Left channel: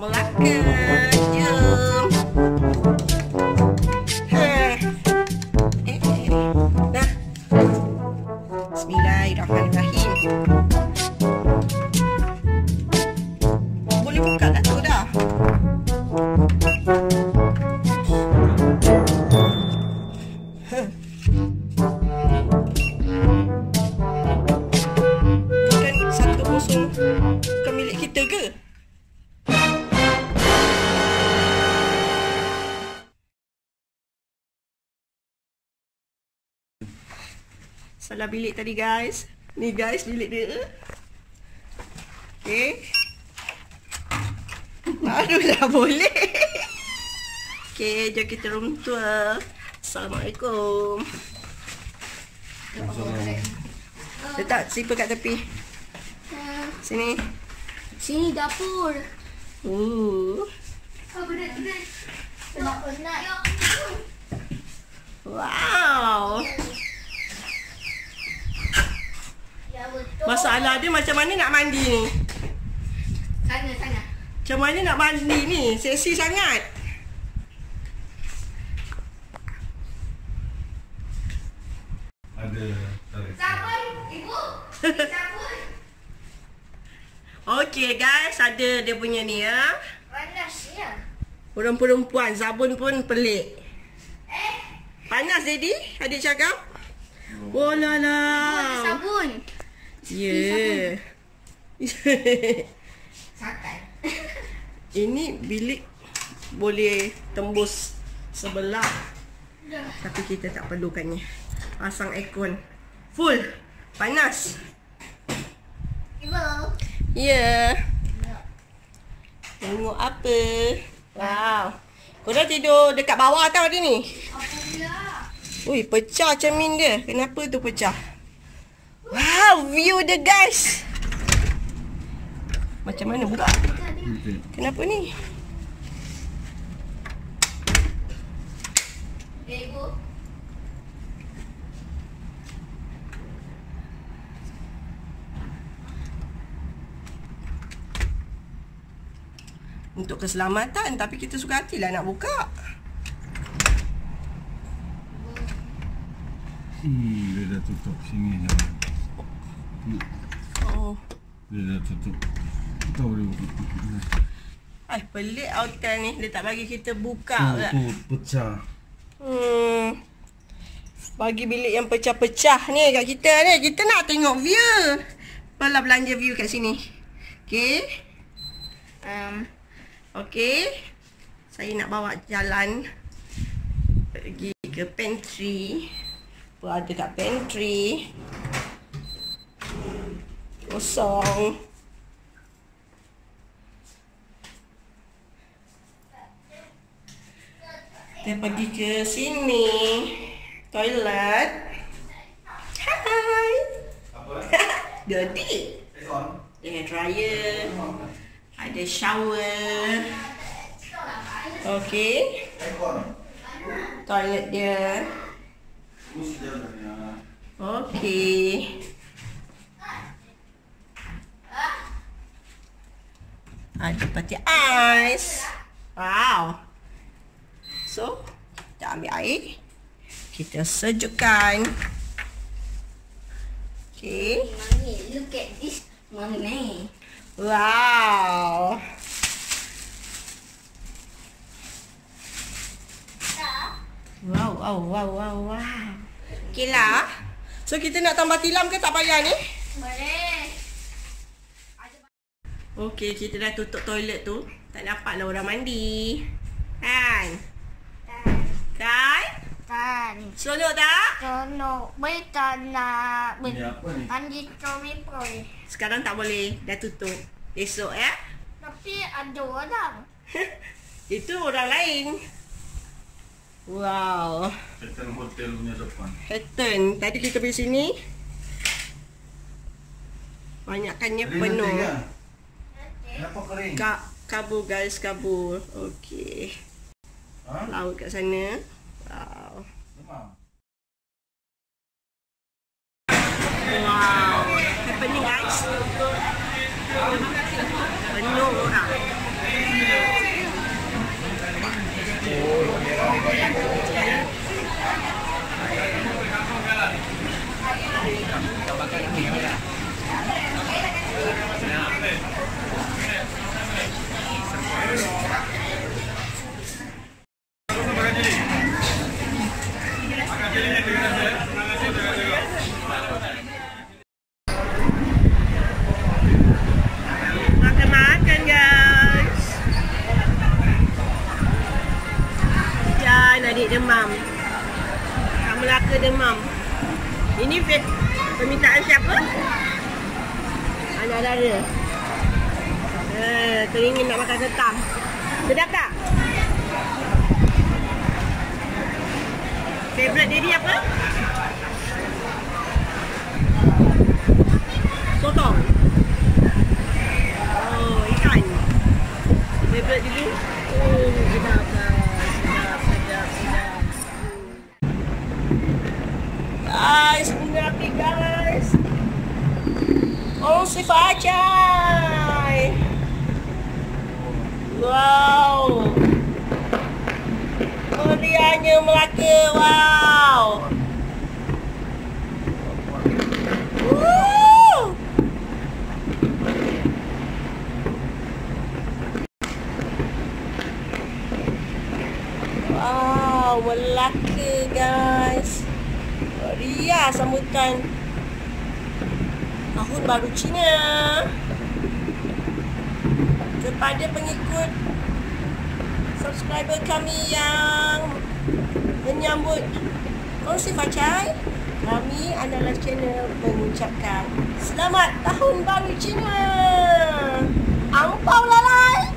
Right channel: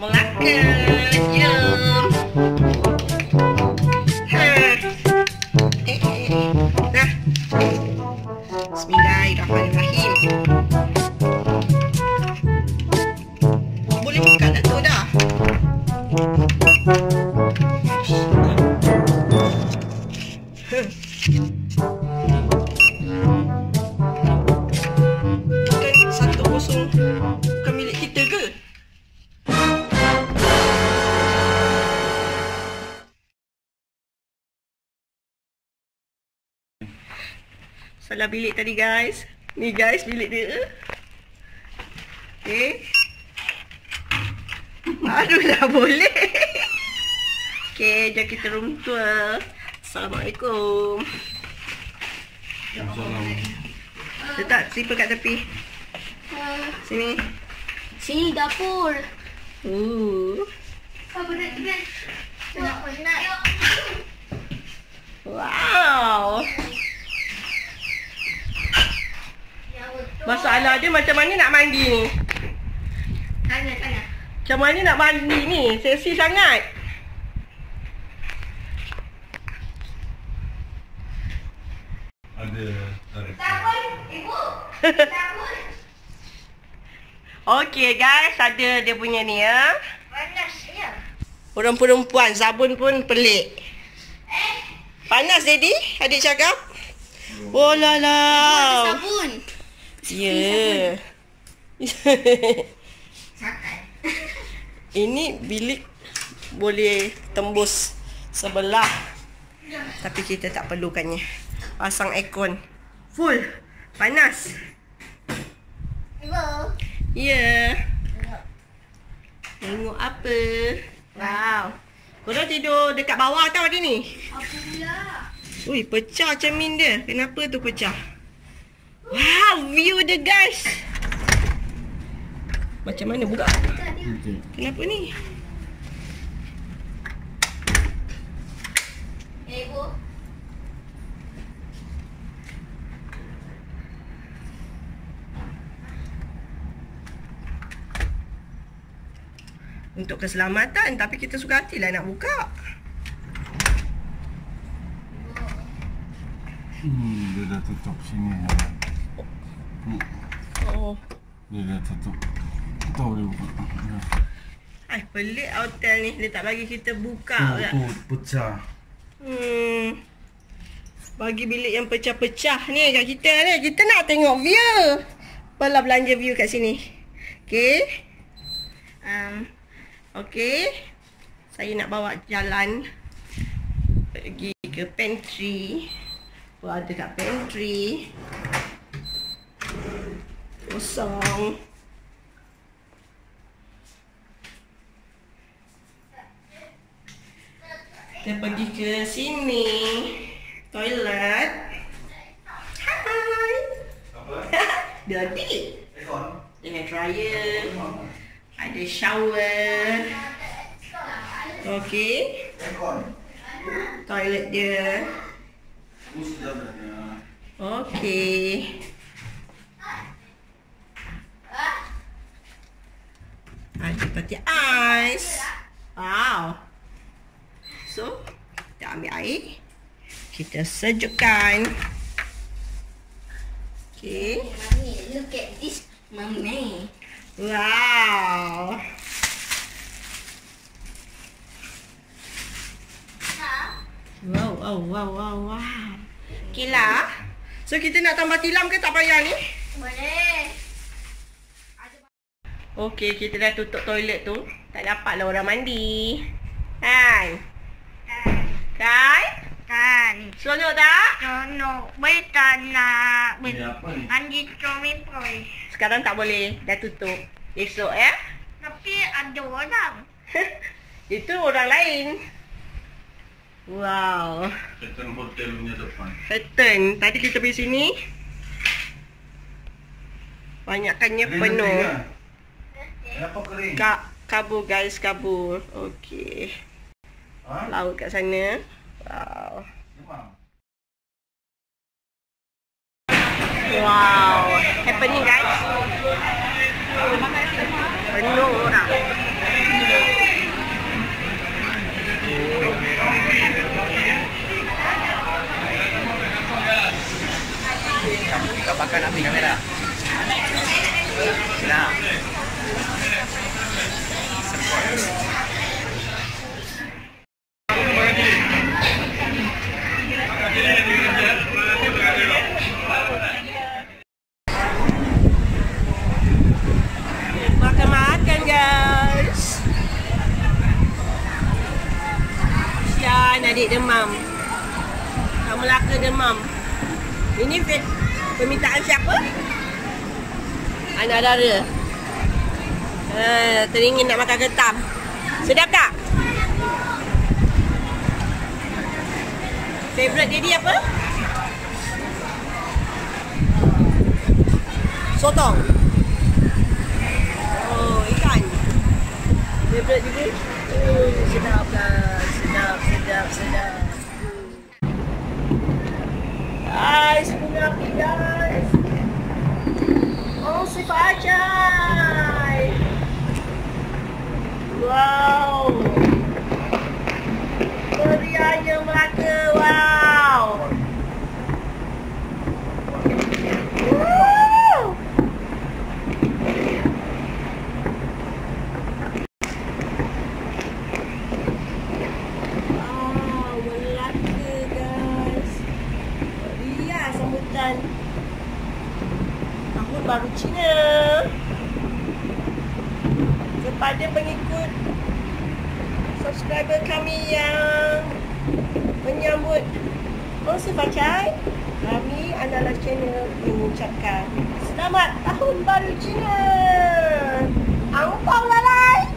Melaka. Jom. Dah. Bismillahirrahmanirrahim. Boleh buka tak tu dah? Bukan 1-0 bukan milik kita ke? Salah bilik tadi guys. Ni guys bilik dia. Okay. Aduh dah boleh. Okay, jom kita room tour. Assalamualaikum. Letak slipper kat tepi. Sini. Sini dapur. Berat-berat. Penat. Wow. Masalah dia macam mana nak mandi ni? Sana. Macam mana nak mandi ni? Seksi sangat. Ada Sabun, ibu. Sabun. Okay guys, ada dia punya ni ya. Panasnya. Orang perempuan sabun pun pelik. Panas daddy? Adik cakap. Oh la la. Sabun. Ya. Sakai. Ini bilik boleh tembus sebelah. Tapi kita tak perlukannya. Pasang aircon. Full. Panas. Ibu. Ya. Tengok apa? Wow. Korang tidur dekat bawah tau hari ni? Apa pula? Ui, pecah cermin dia. Kenapa tu pecah? Wow, view dia guys. Macam mana buka? Kenapa ni? Ibu. Untuk keselamatan, tapi kita suka hatilah nak buka. Dia dah tutup sini je. Oh. Dia dah tutup. Kita boleh buka. Ai, pelik hotel ni. Dia tak bagi kita buka pula. Tu pecah. Bagi bilik yang pecah-pecah ni kat kita ni. Kita nak tengok view. Balah belanja view kat sini. Okay. Okay. Saya nak bawa jalan pergi ke pantry. Apa ada kat pantry? Kosong. Kita pergi ke sini. Toilet. Hai. Apa? Dirty. Hair dryer. Ada shower. Okay. Toilet dia. Okay. Ada peti ais. Wow. So, kita ambil air. Kita sejukkan. Okay. Mami, look at this. Mami. Wow. Wow. Okay lah. So, kita nak tambah tilam ke tak payah ni? Boleh. Okay, kita dah tutup toilet tu. Tak dapatlah orang mandi. Kan? Kan? Seronok tak? Jono, betul nak Ni apa ni? mandi Tommy Boy. Sekarang tak boleh. Dah tutup. Esok ya? Tapi ada orang. Itu orang lain. Wow. Curtain hotel punya depan. Curtain. Tadi kita pergi sini. Banyakkannya penuh. Kenapa kering? Kabur guys, kabur. Okey. Ha? Laut kat sana. Wow. Wow. Happening guys. Penuh orang. Makan-makan guys. Sian adik demam. Kak Melaka demam. Ini permintaan siapa? Anak dara. Teringin nak makan ketam. Sedap tak? Favorite daddy apa? Sotong. Oh, ikan. Favorite dulu. Oh, sedap lah. Sedap. Guys, bunga api guys. Oh, si Fajai. Wow. Meriahnya Melaka. Wow. Woo. Wow, Melaka guys. Meriah sambutan Tahun Baru Cina. Kepada pengikut subscriber kami yang menyambut Kongsi Fajai, kami Analas Channel mengucapkan Selamat Tahun Baru Cina. Angpau lalai.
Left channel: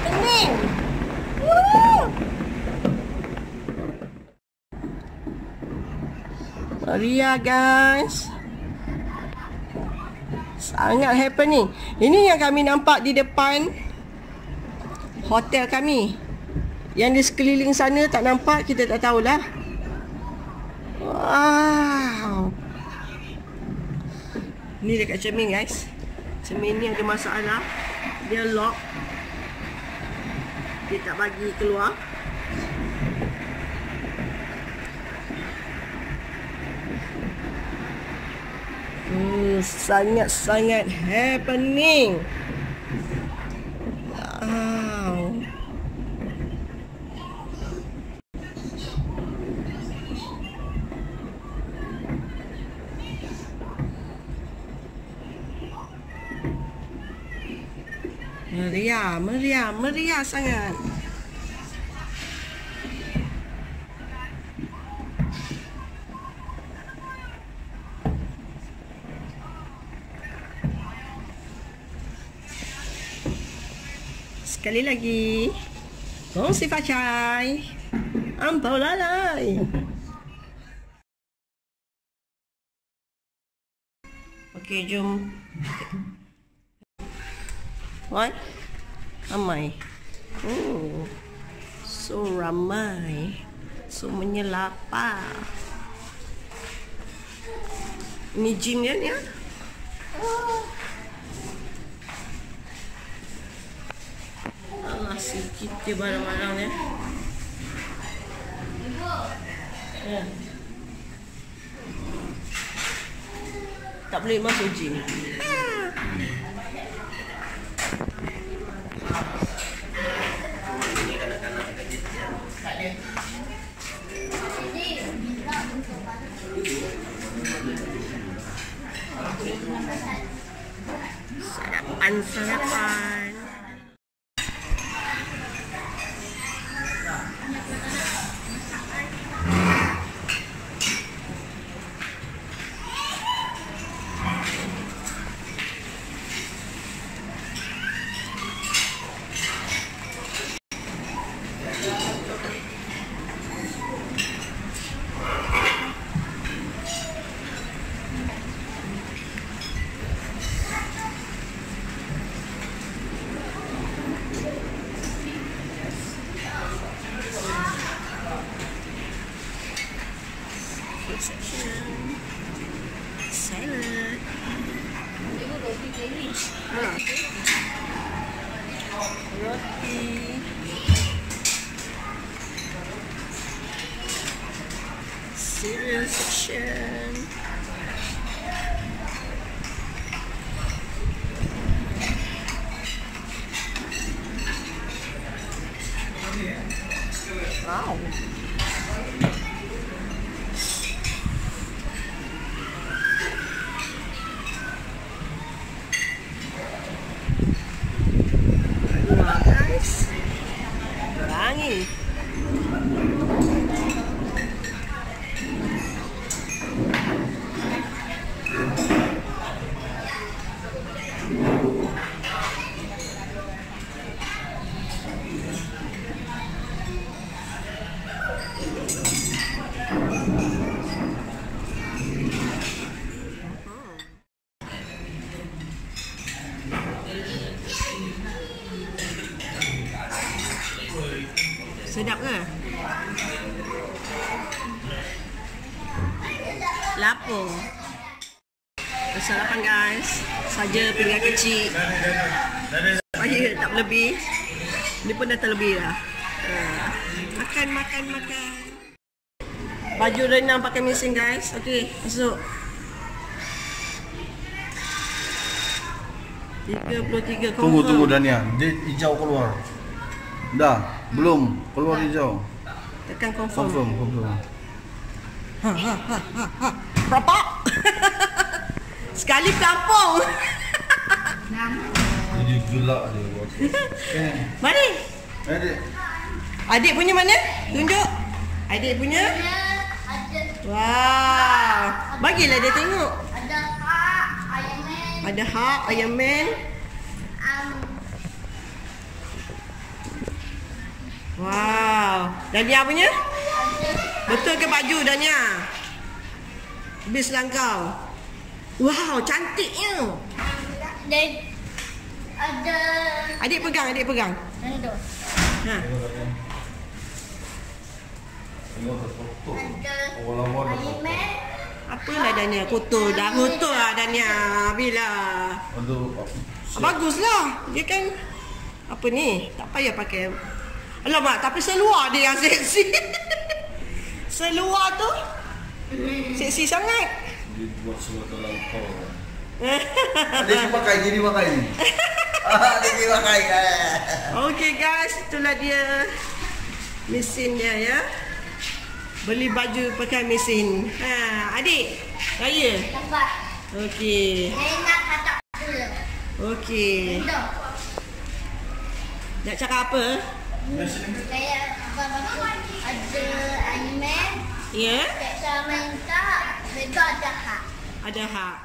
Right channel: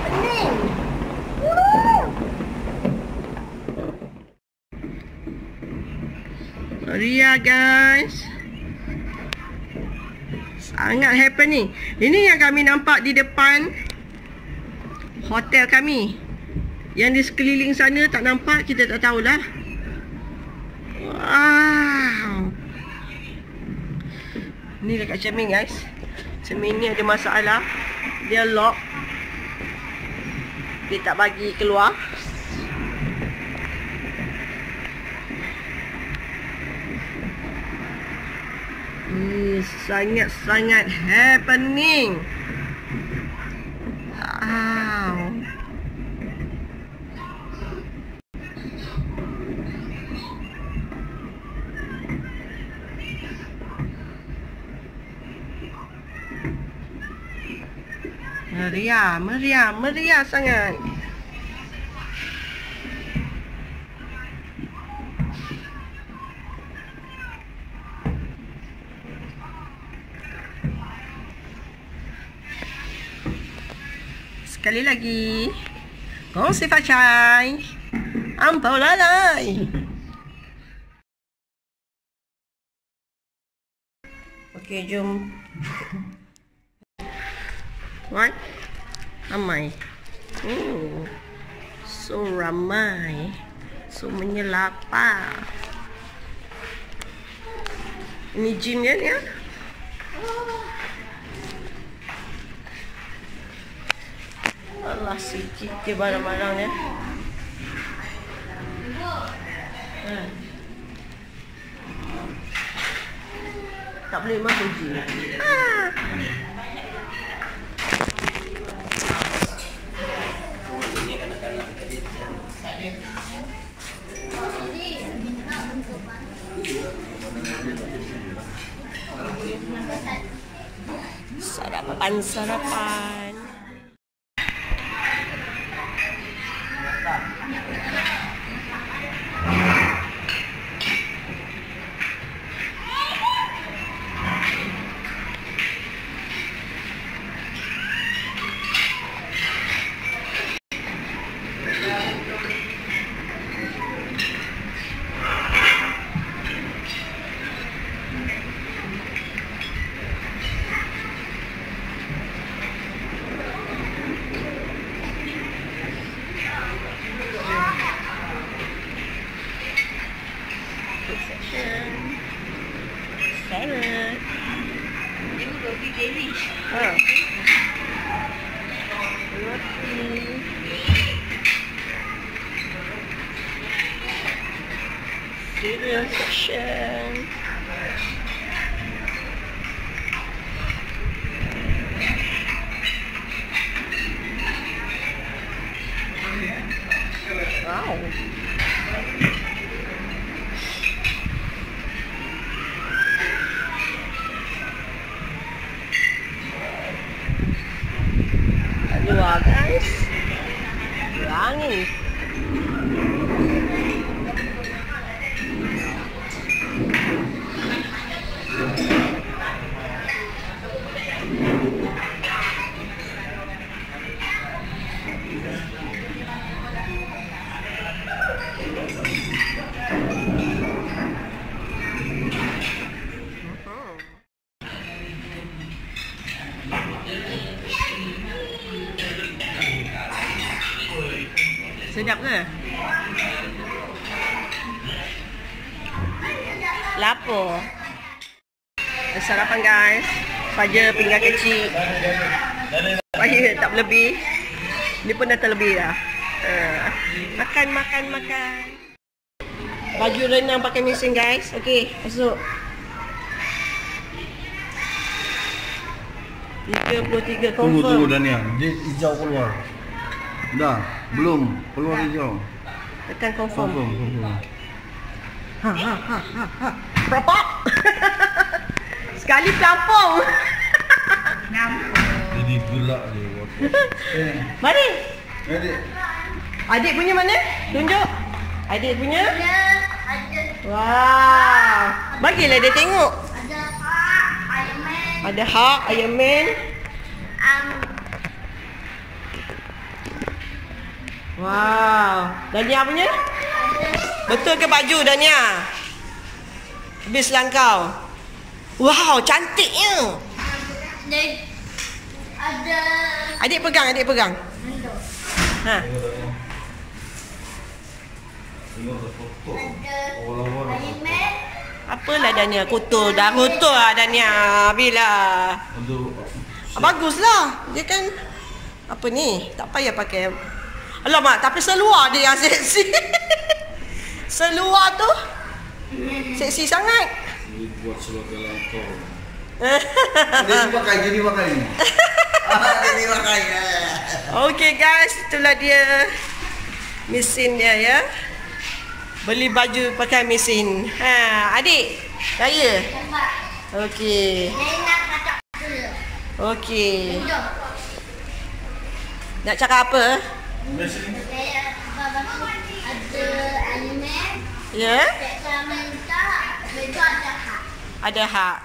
Pening. Meriah guys. Sangat happening. Ini yang kami nampak di depan hotel kami. Yang di sekeliling sana tak nampak, kita tak tahulah. Wow. Ni dekat cermin guys. Cermin ni ada masalah. Dia lock. Dia tak bagi keluar. Sangat-sangat happening. Wow. Meriah sangat. Sekali lagi, Kongsi Fajai, Ampau lalai. Okey, jom. What? Ramai. So ramai. So menyelapar. Ini gym kan ya? Allah, sikit je barang-barang dia. Tak boleh masuk gym. Sarapan. section. Salad. Tengok roti Danish. Roti. Cereal section. Wow. Luar guys. Angin. Sedap ke? Lapar. Sarapan guys. Saja pinggan kecil. Supaya tak berlebih. Ni pun dah terlebih dah. Makan. Baju renang pakai mesin guys. Okey, masuk. 33 confirm. Tunggu Dania. Dia hijau keluar. Dah, belum keluar hijau. Tekan confirm. Confirm. Berapa? Sekali pelampung. Jadi gerak dia. Mari. Adik. Adik punya mana? Tunjuk. Adik punya. Ada Wow. Bagilah dia tengok. Iron Man. Ada Hulk, Iron Man. Wow. Dania punya? Betul ke baju Dania? Habis langkau. Wow, cantiknya. Ada Adik pegang. Nando. Ha. Ada Iron Man. Apalah Dania kotor. Dah kotor lah Dania. Bila. Baguslah. Dia kan apa ni? Tak payah pakai. Alamak, tapi seluar dia yang seksi. Seluar tu seksi sangat. Dia buat seluar dalam kau. Dia dipakai. Okay guys, itulah dia mesin dia ya. Beli baju pakai mesin. Adik, raya. Nampak? Okey. Saya nak katak dulu. Okey. Nando. Nak cakap apa? Saya masuk ada Iron Man. Ya? Captain America. Mereka ada hak. Ada hak.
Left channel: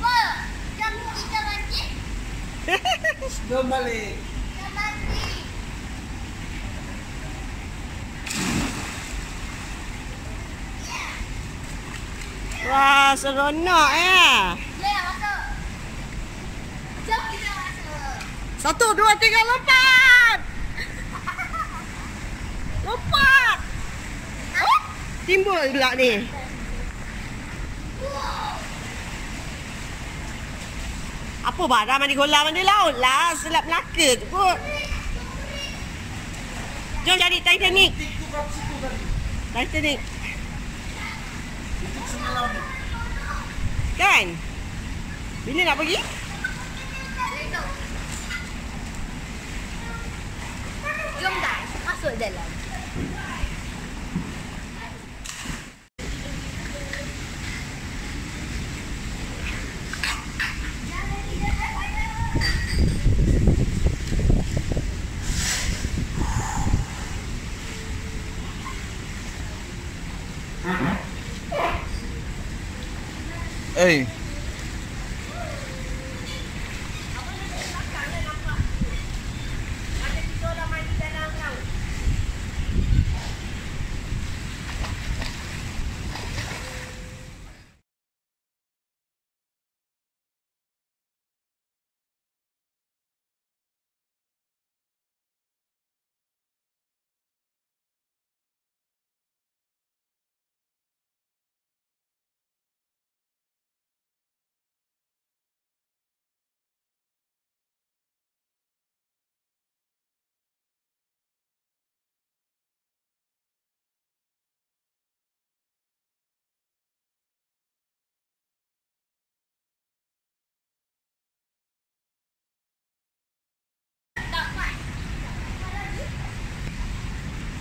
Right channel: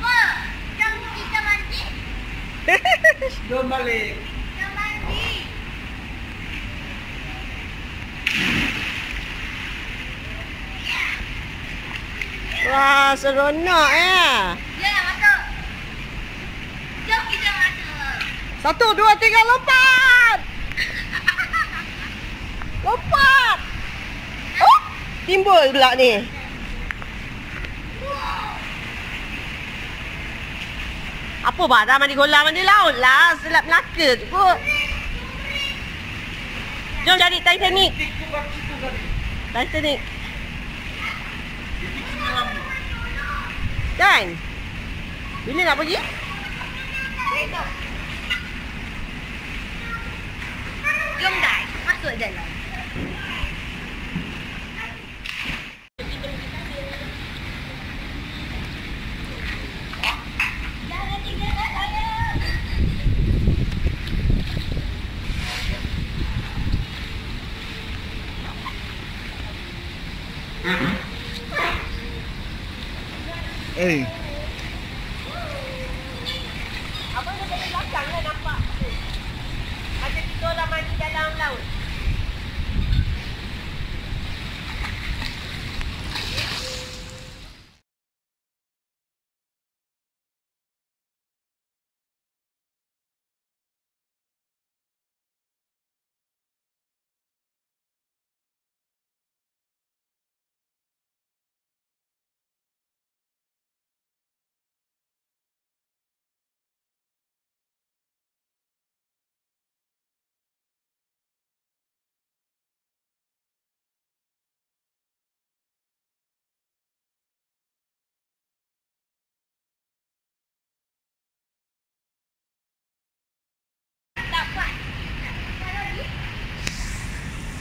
Oh, jom kita mandi. Jom balik. Kita mandi. Wah, seronok Jom masuk. Jom kita masuk. 1, 2, 3, lompat! Lompat! Oh, timbul pula ni. Apa barang mandi kolam mandi laut lah. Selap Melaka tu kot. Jom jadi Titanic. Titanic. Kan? Bila nak pergi? Jom guys, masuk dalam. Eh, Abang dah dari belakang lah nampak. Macam kita orang mandi dalam laut.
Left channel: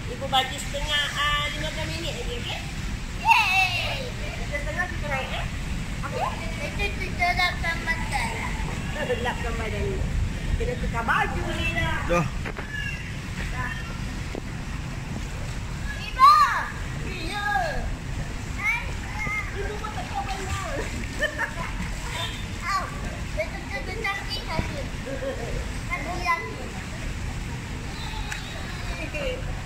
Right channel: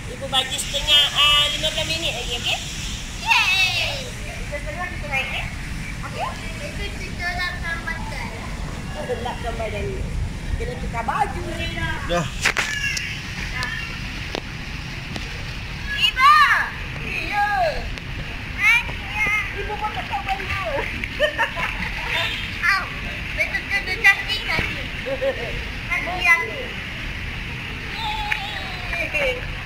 Ibu bagi setengah 15 minit lagi, okey? Yeay. 3.30 kita naik, okey? Itu terlapkan badan. Gelapkan badan ni. Kena tukar baju ni dah. Dah. Ibu. Ya. Ibu pun tak tahu banyak. Au. Betul-betul cantik lagi. Lagi. Hehehe.